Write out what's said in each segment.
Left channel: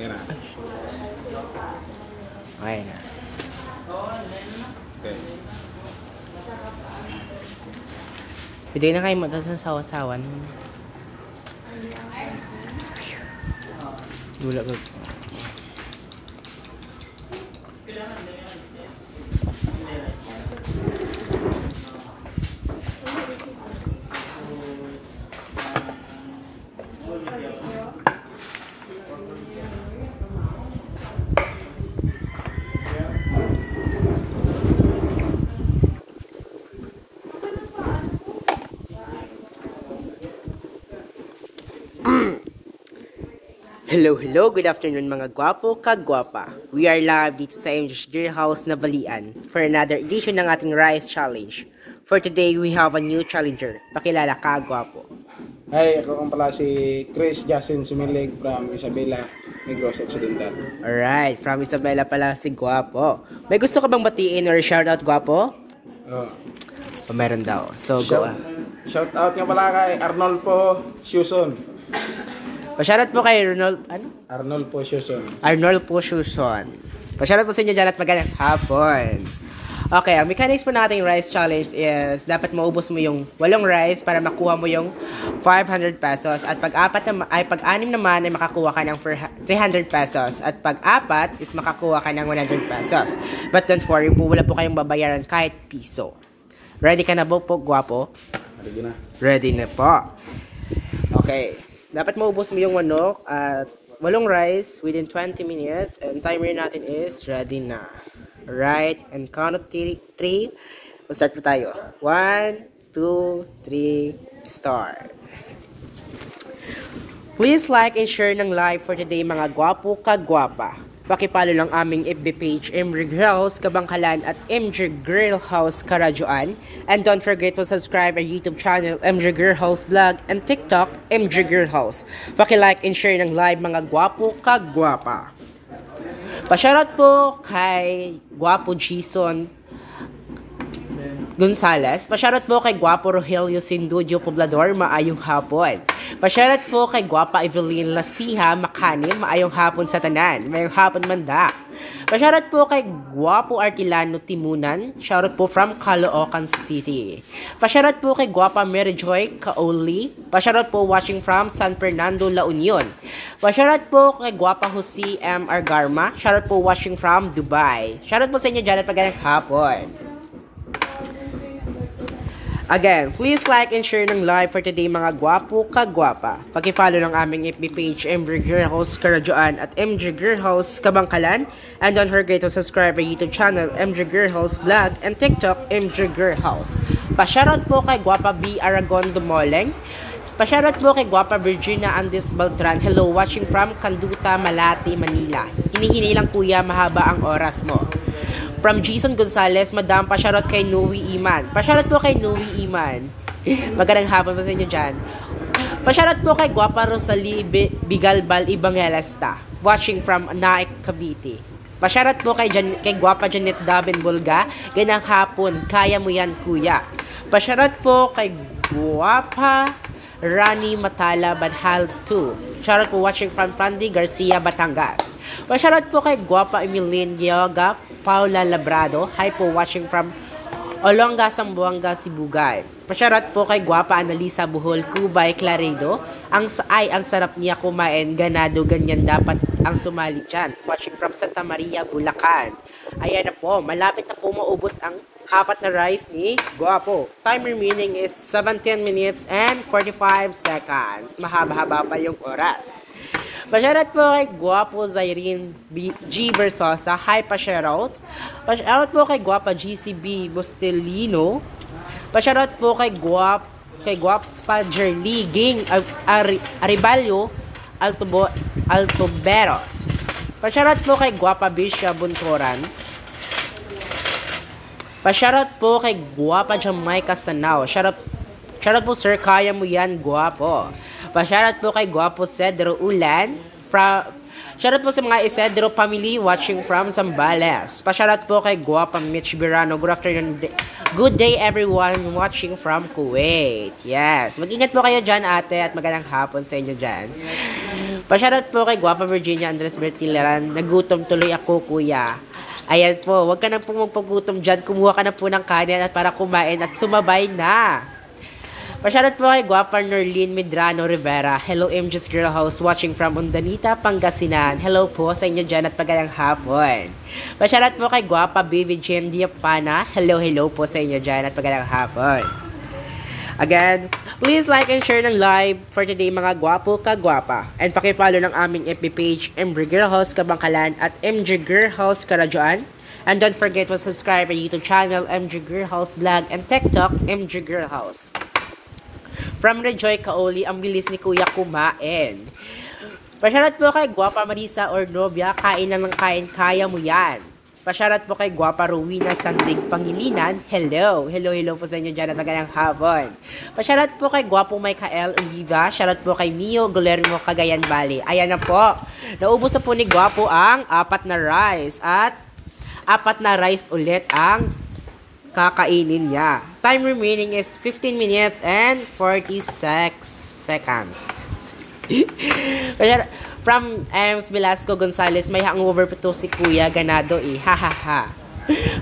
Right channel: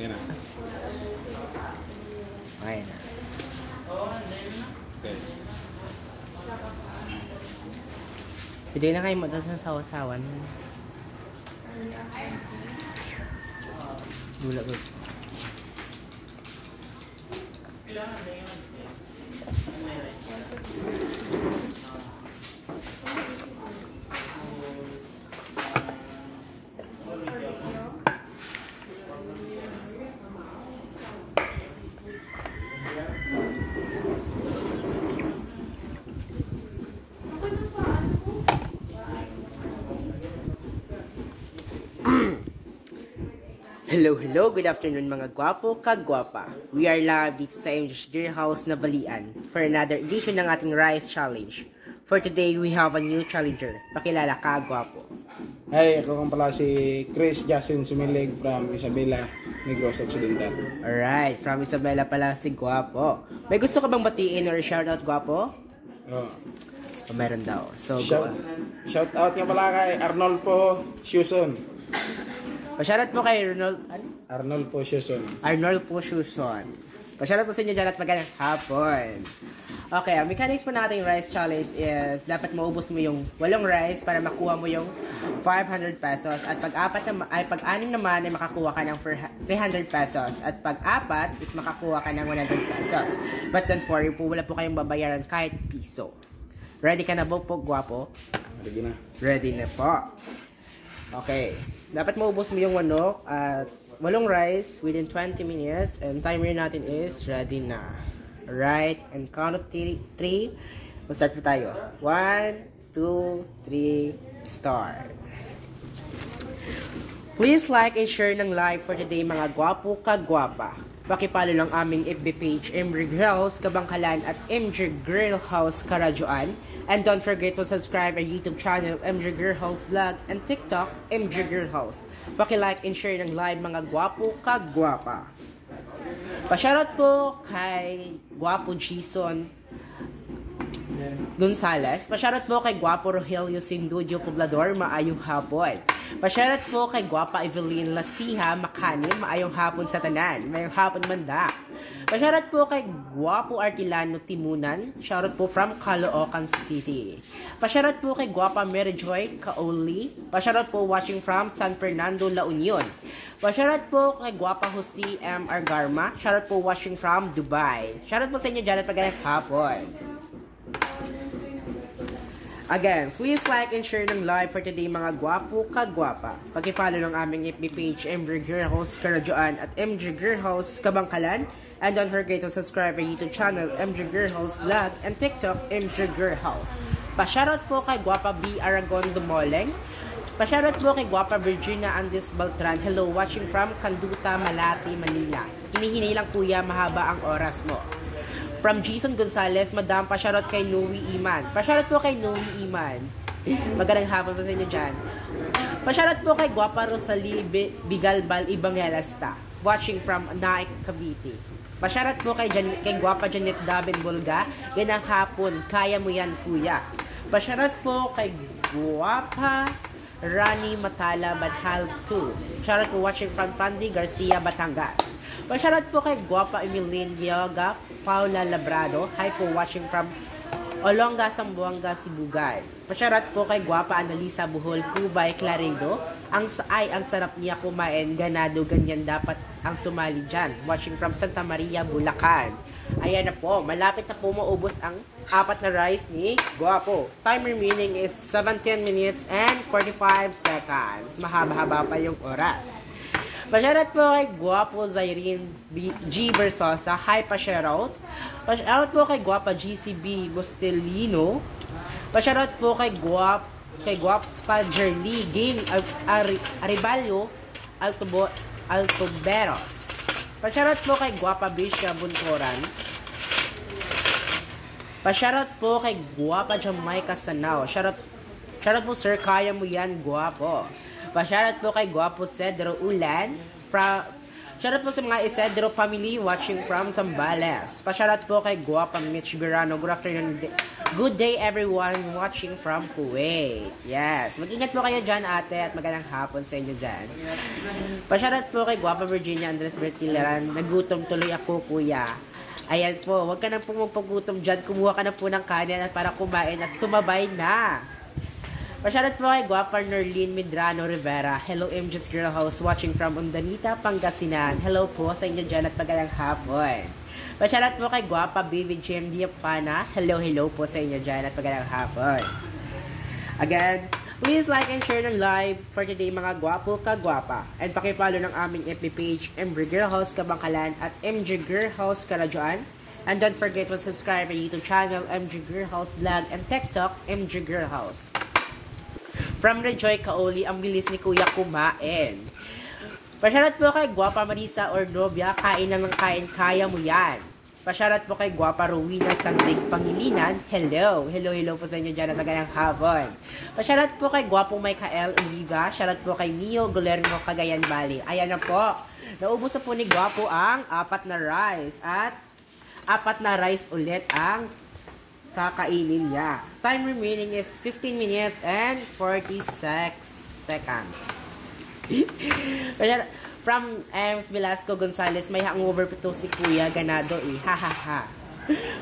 Yan na. Okay na. Okay. Pwede na kayo magsasawa-sawan. Gula ko. Hello, good afternoon mga gwapo, kagwapa. We are live dito sa MJ House na Balian for another edition ng ating Rice Challenge. For today, we have a new challenger. Pakilala ka, gwapo. Hi, ako kang pala si Chris Justin Sumilig from Isabela, Negros Occidental. Alright, from Isabela pala si gwapo. May gusto ka bang batiin or shoutout, gwapo? Oh. O meron daw. So, Shout out nga pala kay Arnolfo Shuson. Shoutout po kay Arnolfo Shuson. Arnolfo Shuson. Shoutout po sa inyo dyan at magandang hapon. Okay, ang mechanics po nating rice challenge is dapat maubos mo yung 8 rice para makuha mo yung 500 pesos. At pag-anim naman ay makakuha ka ng 300 pesos. At pag-apat is makakuha ka ng 100 pesos. But don't worry po, wala po kayong babayaran kahit piso. Ready ka na po, gwapo? Ready na. Ready na po. Okay. Dapat maubos mo yung manok at 8 rice within 20 minutes. And timer natin is ready na. Alright, and count of 3. Start po tayo. 1, 2, 3, start. Please like and share ng live for today mga gwapo kagwapa. Pakipalo lang aming FB page MJ Grill House Kabangkalan at MJ Grill House Karadyoan. And don't forget to subscribe our YouTube channel MJ Grill House Vlog and TikTok MJ Grill House. Pakilike and share ng live mga gwapo kagwapa. Pasyarat po kay Gwapo Jason Gonzales. Pasyarat po kay Gwapo Rogelio Sindudio Poblador, maayong hapon. Pasyarat po kay Gwapa Evelyn Lasiha Makanim, maayong hapon sa tanan. Mayong hapon manda. Pasyarat po kay Gwapo Artilano Timunan, shoutout po from Caloocan City. Pasyarat po kay Gwapa Mary Joy Kaoli. Pasyarat po watching from San Fernando, La Union. Pasyarat po kay Gwapa Jose M. Argarma, shoutout po watching from Dubai. Shoutout po sa inyo dyan at magandang hapon. Again, please like and share ng live for today mga gwapo kagwapa. Paki-follow ng aming FB page MJ Grill House Karadyoan at MJ Grill House Kabangkalan. And don't forget to subscribe our YouTube channel MJ Grill House Vlog and TikTok MJ Grill House. Pasyarat po kay Gwapa B. Aragon Dumoleng. Pasyarat po kay Gwapa Virginia Andes Baltran. Hello, watching from Canduta, Malate, Manila. Hinihini lang kuya, mahaba ang oras mo. From Jason Gonzales, Madam, pasyarat kay Noe Iman. Pasyarat po kay Noe Iman. Magandang hapon po sa inyo dyan. Pasyarat po kay Gwapa Rosalie Bigalbal Evangelista, watching from Naik, Cavite. Pasyarat po kay Gwapa Janet Daben Bulga. Ganang hapon, kaya mo yan kuya. Pasyarat po kay Gwapa Rani Matala Banhal 2. Pasyarat po watching from Pandy Garcia, Batangas. Pasyarat po kay Gwapa Emilene Yoga Paula Labrado. Hi po, watching from Olonga, Sambuanga, Sibugay. Pasyarat po kay Gwapa Analisa Buhol, Cubay, Claredo. Ang sarap niya kumain, ganado, ganyan dapat ang sumali dyan. Watching from Santa Maria, Bulacan. Ayan na po, malapit na po maubos ang 4 na rice ni Gwapo. Time remaining is 17 minutes and 45 seconds. Mahaba-haba pa yung oras. Pasyarat po kay Gwapo Zairine G. Versosa. Hi, pasyarat. Pasyarat po kay Gwapa GCB Bustelino. Pasyarat po kay Gwapa Jerly Ging Aribalyo Altoberos. Pasyarat po kay Gwapa Bisha Buntoran. Pasyarat po kay Gwapa Jamaica Sanao. Shoutout po sir, kaya mo yan, Gwapo. Pasyarat po kay Gwapo Cedro Ulan. Shoutout po sa mga Isidro family watching from Zambales. Pa-shoutout po kay Guapa Mitch Birano. Good afternoon. Good day everyone watching from Kuwait. Yes. Mag-ingat po kayo dyan ate at magandang hapon sa inyo dyan. Pa-shoutout po kay Guapa Virginia Andres Bertilaran. Nagutom tuloy ako kuya. Ayan po. Huwag ka na po magpagutom dyan. Kumuha ka na po ng kanin at para kumain at sumabay na. Pa-shoutout po kay Guapa Nerlin Medrano Rivera. Hello MJ's Girl House watching from Undanita, Pangasinan. Hello po sa inyo dyan at magandang hapon. Pa-shoutout po kay Guapa Baby Jen Diapana. Hello po sa inyo dyan at magandang hapon. Again, please like and share ng live for today mga gwapo ka-gwapa. And pakipollow ng aming FB page MJ Girl House Kabangkalan at MJ Girl House Karadyoan. And don't forget to subscribe our YouTube channel MJ Girl House Vlog and TikTok MJ Girl House. From Rejoy Kaoli, ang bilis ni Kuya kumain. Pasyarat po kay Guapa Marisa Ornovia, kain na ng kain, kaya mo yan. Pasyarat po kay Guapa Rowena Sandig Pangilinan, hello po sa inyo dyan at magandang hapon. Pasyarat po kay Guapo Michael Oliva, syarat po kay Mio Guillermo Cagayan Valley. Ayan na po, naubos na po ni Guapo ang 4 na rice at 4 na rice ulit ang kakainin niya. Time remaining is 15 minutes and 46 seconds. From Ems Velasco Gonzalez, may hangover po to si Kuya Ganado eh. Hahaha.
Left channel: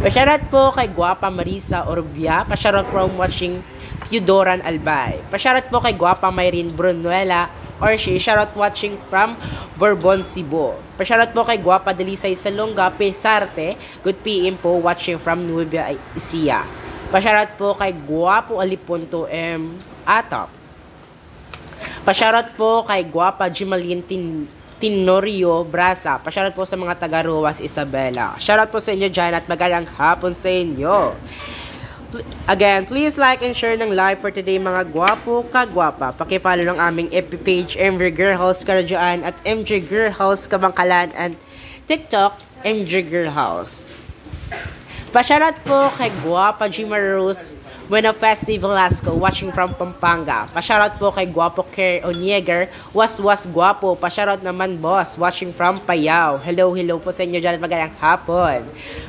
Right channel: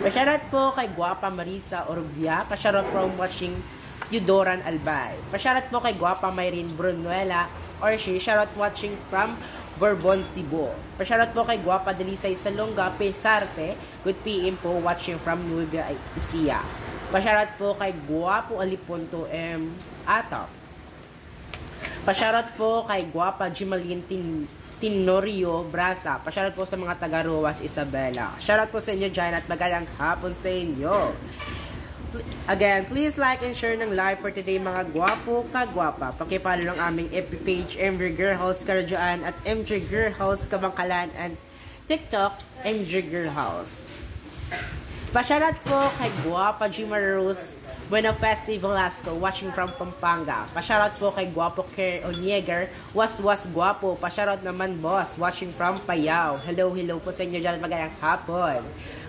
Pasyarat po kay Guapa Marisa Orbia. Pasyarat from watching Pudoran Albay. Pasyarat po kay Guapa Mayrin Brunuela or she shoutout watching from Bourbon, Cebu. Pasyarat po kay Guapa Delisay Salonga Pesarte. Good PM po watching from Nueva Ecija. Pasyarat po kay Guapo Alipunto M. Atop. Pasyarat po kay Guapa Jimalin Tinorio Brasa. Pasyarat po sa mga taga-Ruas Isabela. Shoutout po sa inyo dyan at magandang hapon sa inyo. Again, please like and share ng live for today mga gwapo ka-gwapa. Pakipollow ng aming FB page MJ Girl House Karadyoan at MJ Girl House Kabangkalan and TikTok MJ Girl House. Pasyarat po kay Guapa Gima Rose Buena Festival Velasco watching from Pampanga. Pasyarat po kay Guapo Care Onieger Was Guapo. Pasyarat naman boss watching from Payao. Hello po sa inyo dyan at magandang hapon.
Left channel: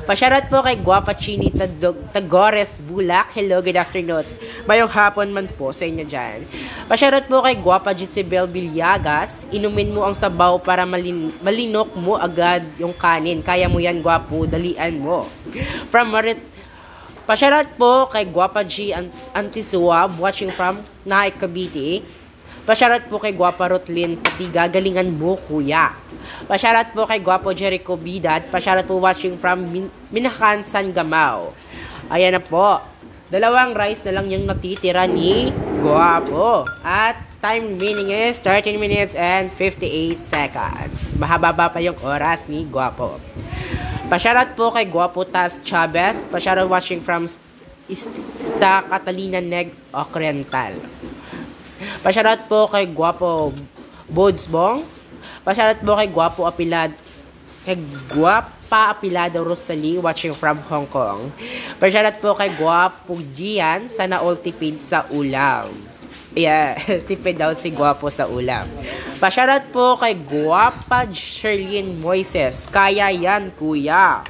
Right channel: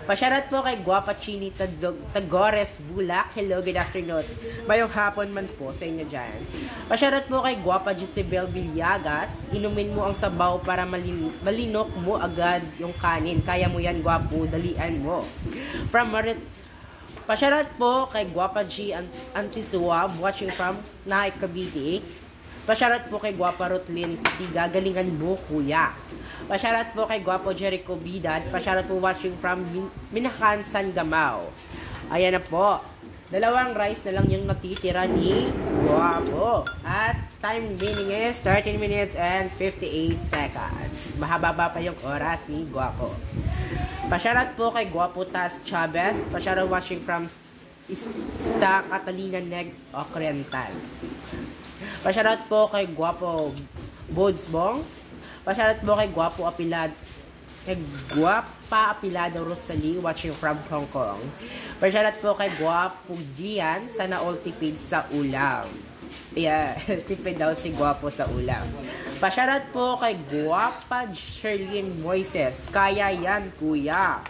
Pasyarat po kay Guapa Chini Tagores Bulak. Hello, good afternoon. Mayong hapon man po sa inyo dyan. Pasyarat po kay Guapa Gisabel Villegas. Inumin mo ang sabaw para malinok mo agad yung kanin. Kaya mo yan Guapo, dalian mo. From Pasyarat po kay Guapa G Antisuab watching from Nahay Cavite. Pasyarat po kay Guapa Rotlin Patiga, galingan mo kuya. Pasyarat po kay Guapo Jericho Bidad. Pasyarat po watching from Minakan, San Gamao. Ayan na po. 2 rice na lang yung natitira ni Guapo. At time remaining is 13 minutes and 58 seconds. Mahaba pa yung oras ni Guapo. Pasyarat po kay Guapo Tas Chavez. Pasyarat watching from Ista Catalina Neg Occidental. Pasyarat po kay Guapo Bodsbong. Pasyarat po kay Guapo Guapa Apilado Rosalie watching from Hong Kong. Pasyarat po kay Guapo Gian sana all tipid sa ulam. Yeah, tipid daw si Guapo sa ulam. Pasyarat po kay Guapa Sherlyn Moises. Kaya yan, kuya.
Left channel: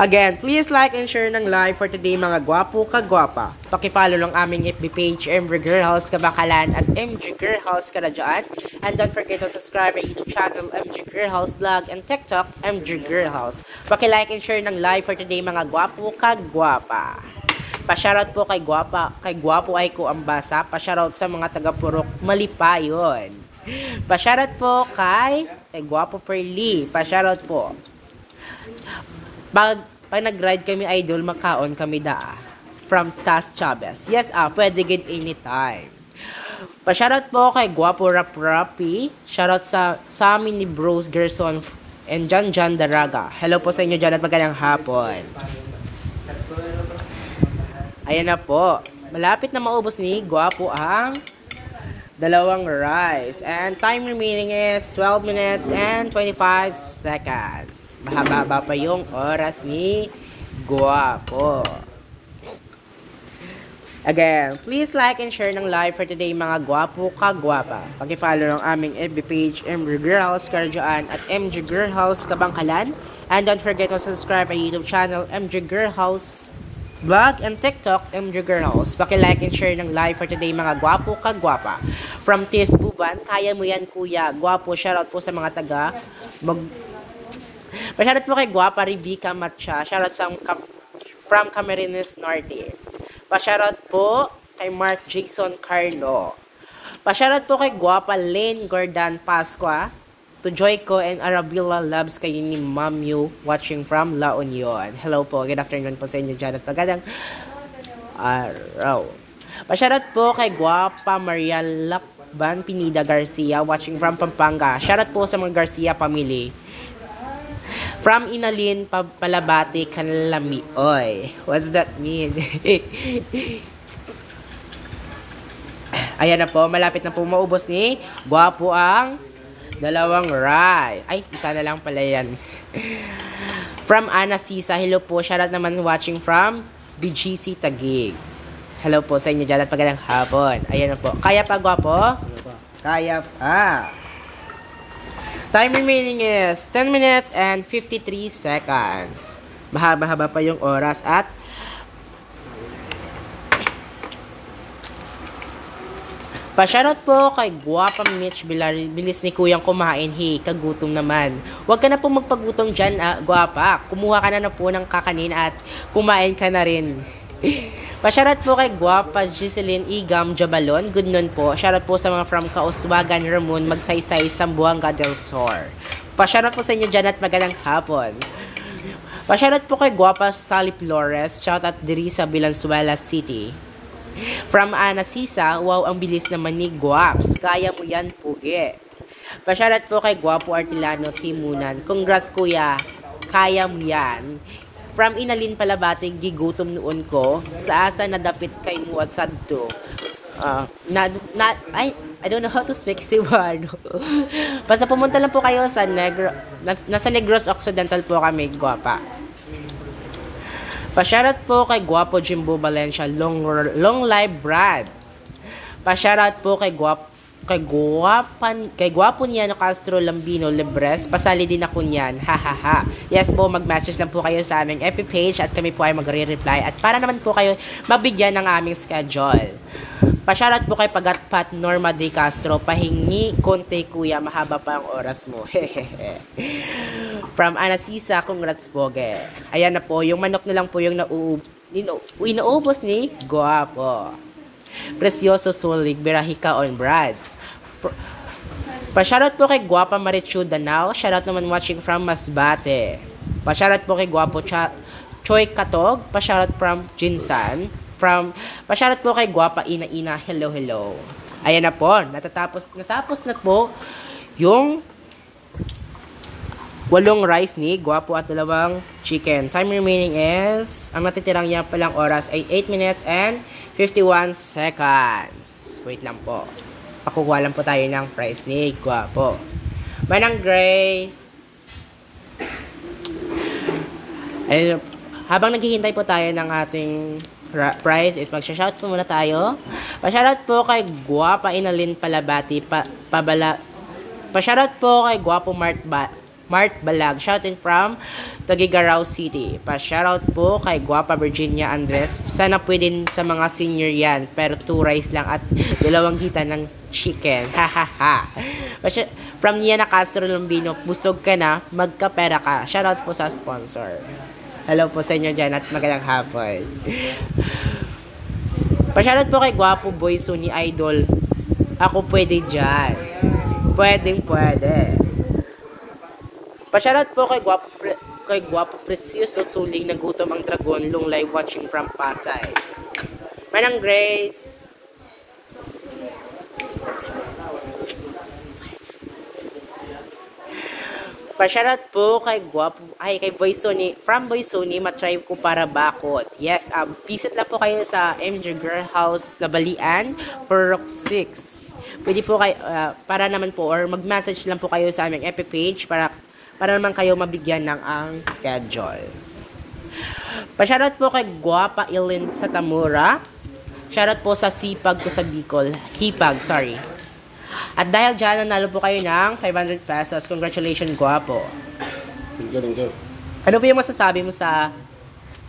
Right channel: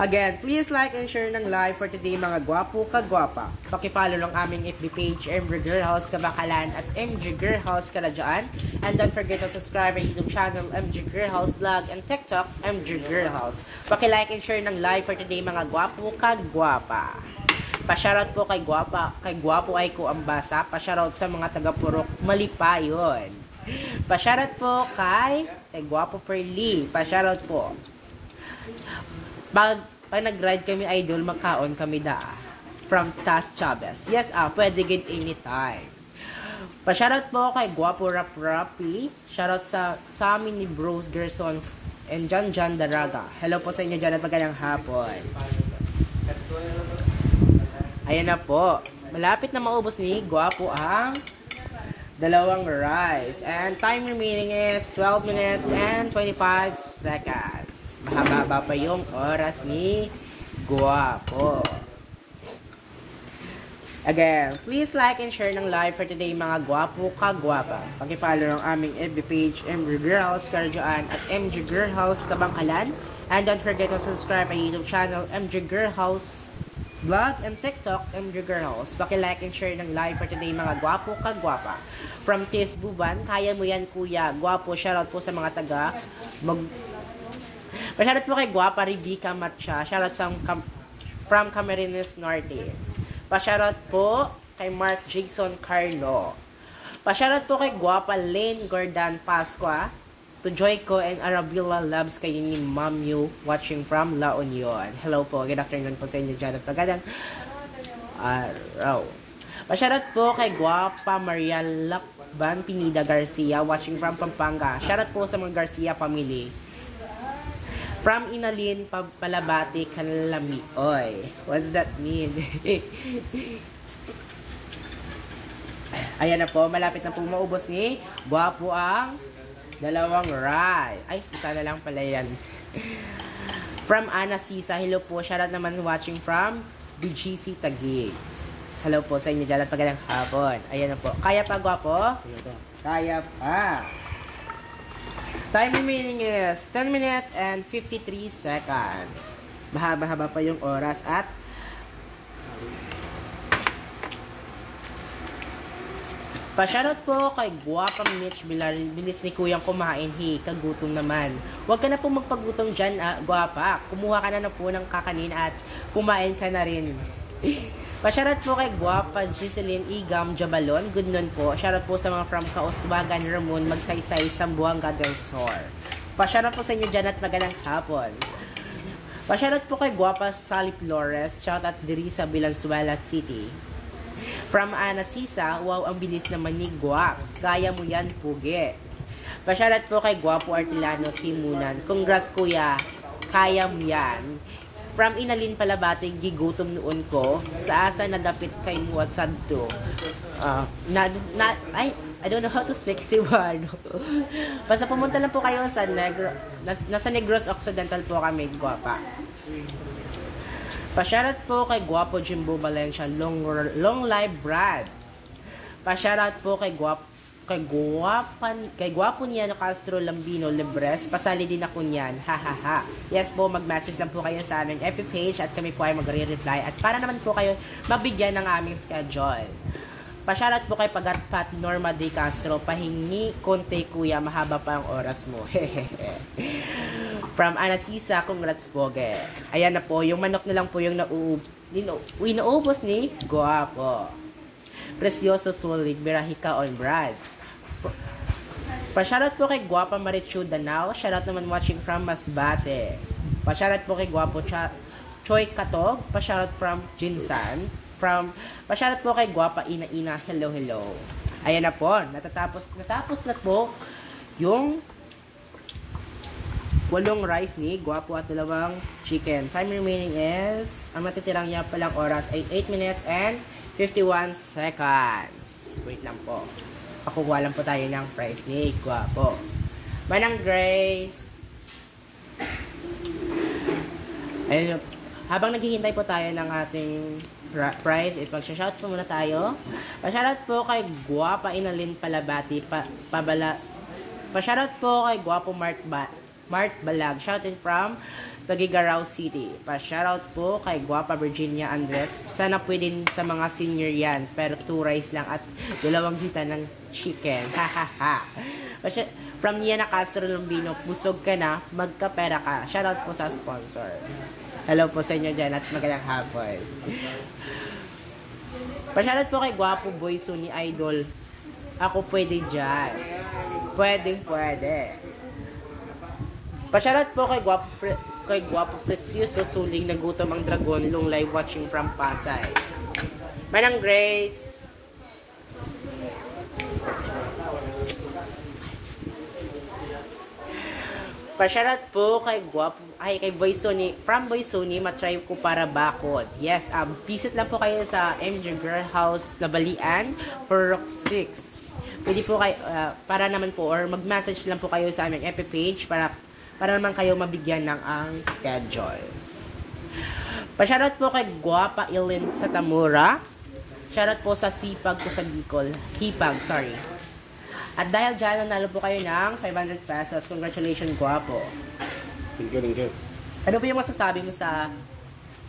Again, please like and share ng live for today mga gwapo ka-gwapa. Pakipollow ng aming FB page MJ Girl House Kabangkalan at MJ Girl House Karadyoan. And don't forget to subscribe our YouTube channel MJ Girl House Vlog and TikTok MJ Girl House. Pakilike and share ng live for today mga gwapo ka-gwapa. Pasyarat po kay Guapo ay ko ang basa. Pasyarat sa mga taga-Purok Malipayon. Pasyarat po kay Guapo Perli. Pasyarat po. Pag nag-ride kami idol, makaon kami from Tas Chavez. Yes, pwede get anytime. Pasyarat po kay Guapo Rapi. Shoutout sa amin ni Bros Gerson and Jan Daraga. Hello po sa inyo dyan at magandang hapon. Ayan na po. Malapit na maubos ni Guapo ang 2 rice. And time remaining is 12 minutes and 25 seconds. Mahaba pa yung oras ni Guapo. Again, please like and share ng live for today mga gwapo kagwapa. Paki-follow ng aming FB page, MG Girlhouse Karjoan at MG Girlhouse Kabangkalan. And don't forget to subscribe my YouTube channel, MG Girlhouse Vlog, and TikTok, MG Girlhouse. Paki-like and share ng live for today mga gwapo kagwapa. From Tis Buban, kaya mo yan kuya, gwapo, shoutout po sa mga taga shoutout po kay Guapa Rivica Matcha, shoutout sa from Camarines Norte. Pa-shoutout po kay Mark Jason Carlo. Pa-shoutout po kay Guapa Lane Gordan Pasqua. To Joyco and Arabella Loves kayo ni Ma'am Yu watching from La Union. Hello po. Good afternoon po sa inyo dyan at pagandang araw. Pa-shoutout po kay Guapa Maria Lakban Pinida Garcia watching from Pampanga. Shoutout po sa mga Garcia family. From Inalin, Palabati, Kanlami. Oy, what's that mean? Ayan na po, malapit na po maubos ni Guwapo ang dalawang rye. Ay, isa na lang pala yan. From Ana Sisa, hello po. Shoutout naman watching from BGC Taguig. Hello po sa inyo dyan at magandang hapon. Ayan na po. Kaya pa, Guwapo? Kaya pa. Time remaining is 10 minutes and 53 seconds. Mahaba-haba pa yung oras at pa-shoutout po kay Guwapa Mitch bilis ni kuyang kumain. Hey, kagutom naman. Huwag ka na po magpagutom dyan, Guwapa. Kumuha ka na po ng kakanin at kumain ka na rin. Pa-shoutout po kay Guwapa Giseline Igam Jabalon. Good noon po. Shoutout po sa mga from Kauswagan, Ramon, Magsaysay, Sambuanga del Sur. Pa-shoutout po sa inyo dyan at magandang hapon. Pa-shoutout po kay Guwapa Sally Flores. Shoutout diri sa Valenzuela City. From Ana Sisa, wow, ang bilis naman ni Guaps. Kaya mo yan, pugi. Pa-shoutout po kay Guwapo Artilano Timunan. Congrats kuya. Kaya mo yan. From Inalin Palabati, gigutom noon ko. Sa asa nadapit kay mo at sadto. I don't know how to speak Cebuano. Basta pumunta lang po kayo sa nasa Negros Occidental po kami, Guwapa. Pa-shoutout po kay Guwapo Jimbo Valencia, long live Brad. Pa-shoutout po kay Guwapo niya no Castro Lambino Libres. Pasali din ako niyan. Hahaha. Yes po, mag-message lang po kayo sa aming FB page at kami po ay magre-reply. At para naman po kayo mabigyan ng aming schedule. Pa-shoutout po kay Pagatpat Norma De Castro. Pahingi konti kuya, mahaba pa ang oras mo. From Anasisa, congrats po. Ayan na po, yung manok na lang po yung inaubos ni Guwapo. Precioso Sulig, Berahika on Brad. Pa-shoutout po kay Guwapa Marichu Danao. Shoutout naman watching from Masbate. Pa-shoutout po kay Guwapo Choi Katog. Pa-shoutout from Jinsan. Pa-shoutout po kay Guwapa Ina Ina. Hello, hello. Ayan na po. Natapos na po yung 8 rice ni Guwapo at 2 chicken. Time remaining is, ang natitirang niya palang oras ay 8 minutes and 51 seconds. Wait lang po. Pakukuha lang po tayo ng fries ni Guwapo. Manang Grace. Ayun, habang naghihintay po tayo ng ating fries is mag-shout po muna tayo. Pa-shoutout po kay Guwapa Inalin Palabati. Pa-shoutout po kay Guwapo Mart Balag. Shouting from Tagigaraw City. Pa-shoutout po kay Guwapa Virginia Andres. Sana pwede sa mga senior yan. Pero 2 rice lang at 2 hita ng chicken. Hahaha. From Niana Castro Lumbino, busog ka na, magkapera ka. Shoutout po sa sponsor. Hello po sa inyo dyan at magandang hapon. Pa-shoutout po kay Guwapo Boy Suni Idol. Ako pwede dyan. Pwede. Pa-shoutout po kay Guwapo Precioso Suling, nagutom ang dragon, long live watching from Pasay. Manang Grace. Pa-shoutout po kay kay Boy Sony, from Boy Sony, matry ko para bakot. Yes, visit lang po kayo sa MG Girlhouse Nabalian for Rock 6. Pwede po kayo, para naman po, or mag-message lang po kayo sa aming FB page para naman kayo mabigyan ng ang schedule. Pa-shoutout po kay Guwapa Ilin sa Tamura. Shoutout po sa sipag ko sa Bicol. Hipag, sorry. At dahil dyan, nanalo po kayo ng 500 pesos. Congratulations, Guwapo. Thank you. Ano po yung masasabi mo sa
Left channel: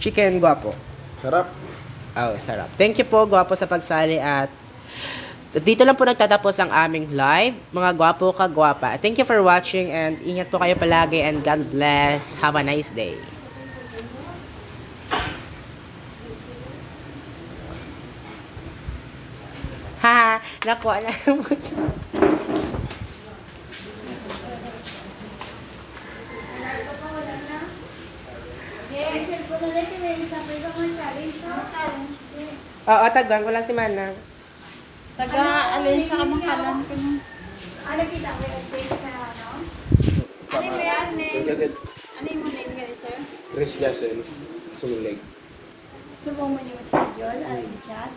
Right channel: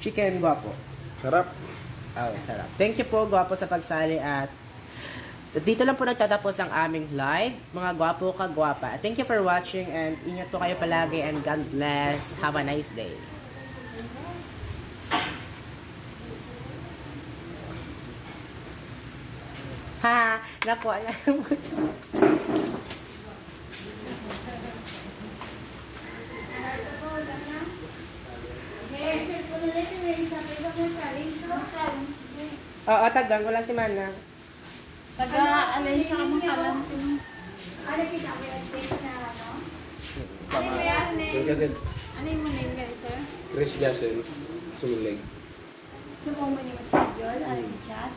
chicken, Guwapo? Sarap. Oh, sarap. Thank you po, Guwapo, sa pagsali at dito lang po nagtatapos ang aming live. Mga Guwapo ka Guwapa. Thank you for watching and ingat po kayo palagi and God bless. Have a nice day. Haha, nakuha na mo. Oo, tagdan. Wala si Manang. Taga-alin sa kamakalan. Ano kita ko yung face na ano? Ano mo yan, Thank you, good. Ano mo name guys, sir? Chris Jason Sumilig. Sumo mo yung schedule, ano yung chat?